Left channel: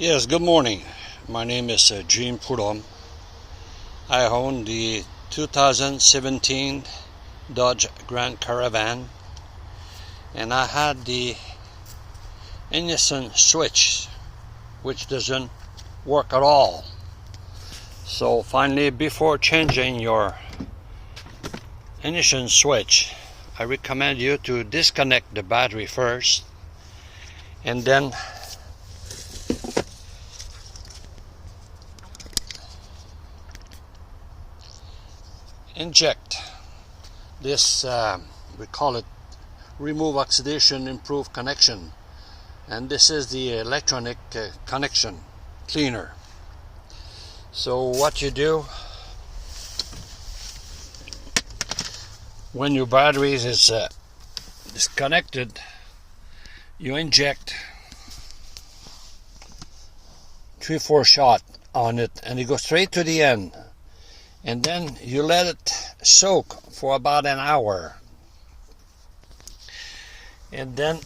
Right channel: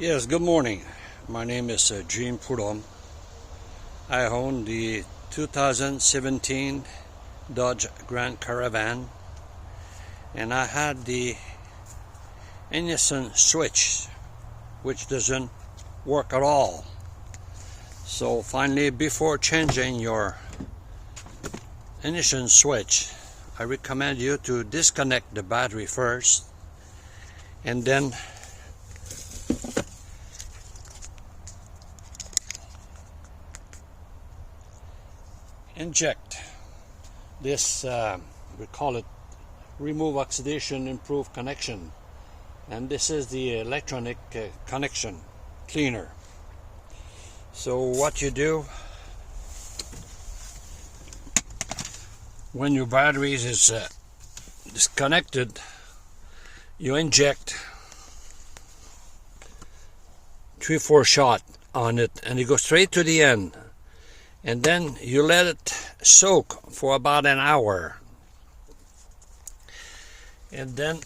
Yes, good morning. My name is Jim Pudom. I own the 2017 Dodge Grand Caravan, and I had the ignition switch which doesn't work at all. So finally, before changing your ignition switch, I recommend you to disconnect the battery first and then inject this, we call it remove oxidation improve connection, and this is the electronic connection cleaner. So what you do when your battery is disconnected, you inject 3-4 shot on it and it goes straight to the end, and then you let it soak for about an hour, and then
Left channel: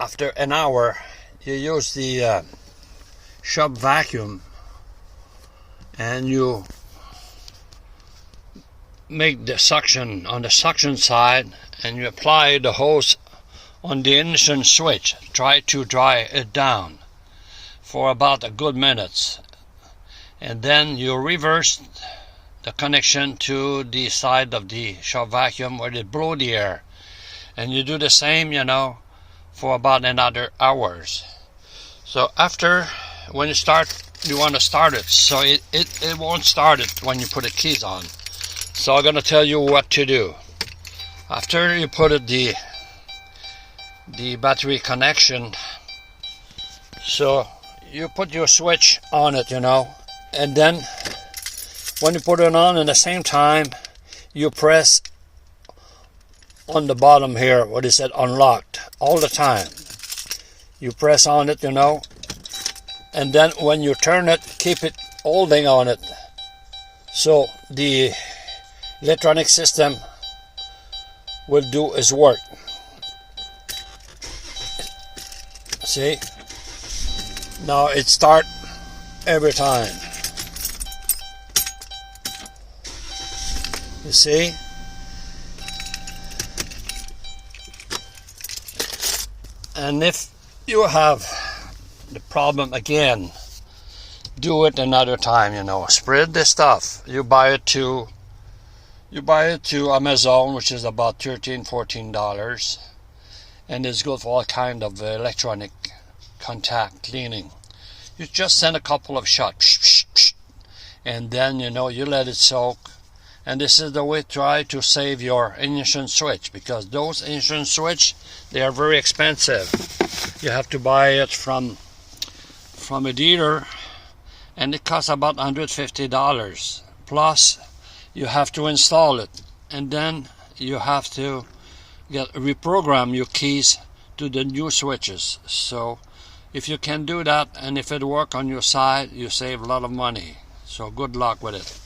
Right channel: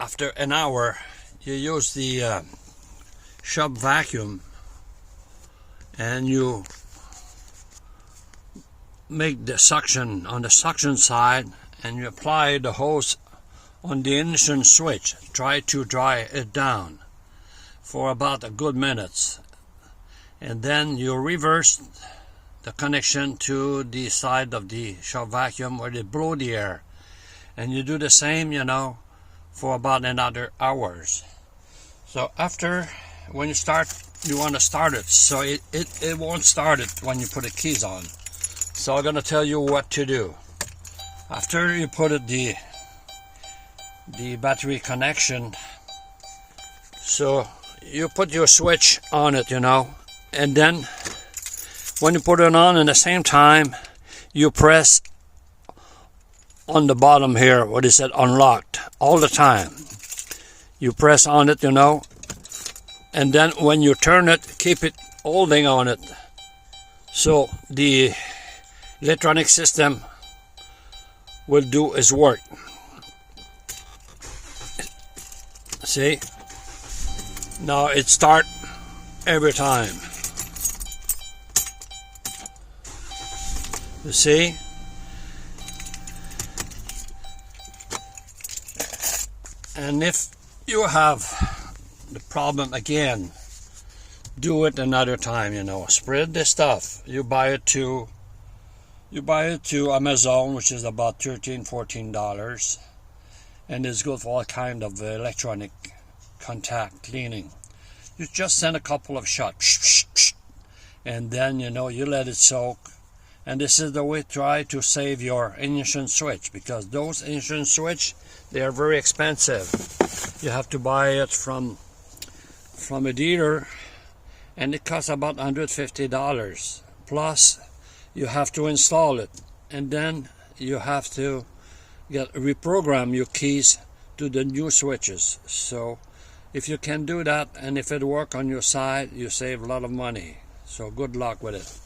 after an hour you use the shop vacuum and you make the suction on the suction side and you apply the hose on the ignition switch. Try to dry it down for about a good minute, and then you reverse the connection to the side of the shop vacuum where it blow the air, and you do the same, for about another hours. So after, when you start, you want to start it, so it won't start it when you put the keys on. So I'm going to tell you what to do. After you put it the battery connection, so you put your switch on it, and then when you put it on, at the same time you press on the bottom here what is it, unlocked, all the time. You press on it, and then when you turn it, keep it holding on it, so the electronic system will do its work. See, now it start every time. You see, and if you have the problem again, do it another time. Spread this stuff. You buy it to Amazon, which is about $13-14, and it's good for all kind of electronic contact cleaning. You just send a couple of shots, and then you let it soak. And this is the way to try to save your ignition switch, because those ignition switch, they are very expensive. You have to buy it from a dealer, and it costs about $150. Plus, you have to install it, and then you have to reprogram your keys to the new switches. So if you can do that, and if it works on your side, you save a lot of money. So good luck with it.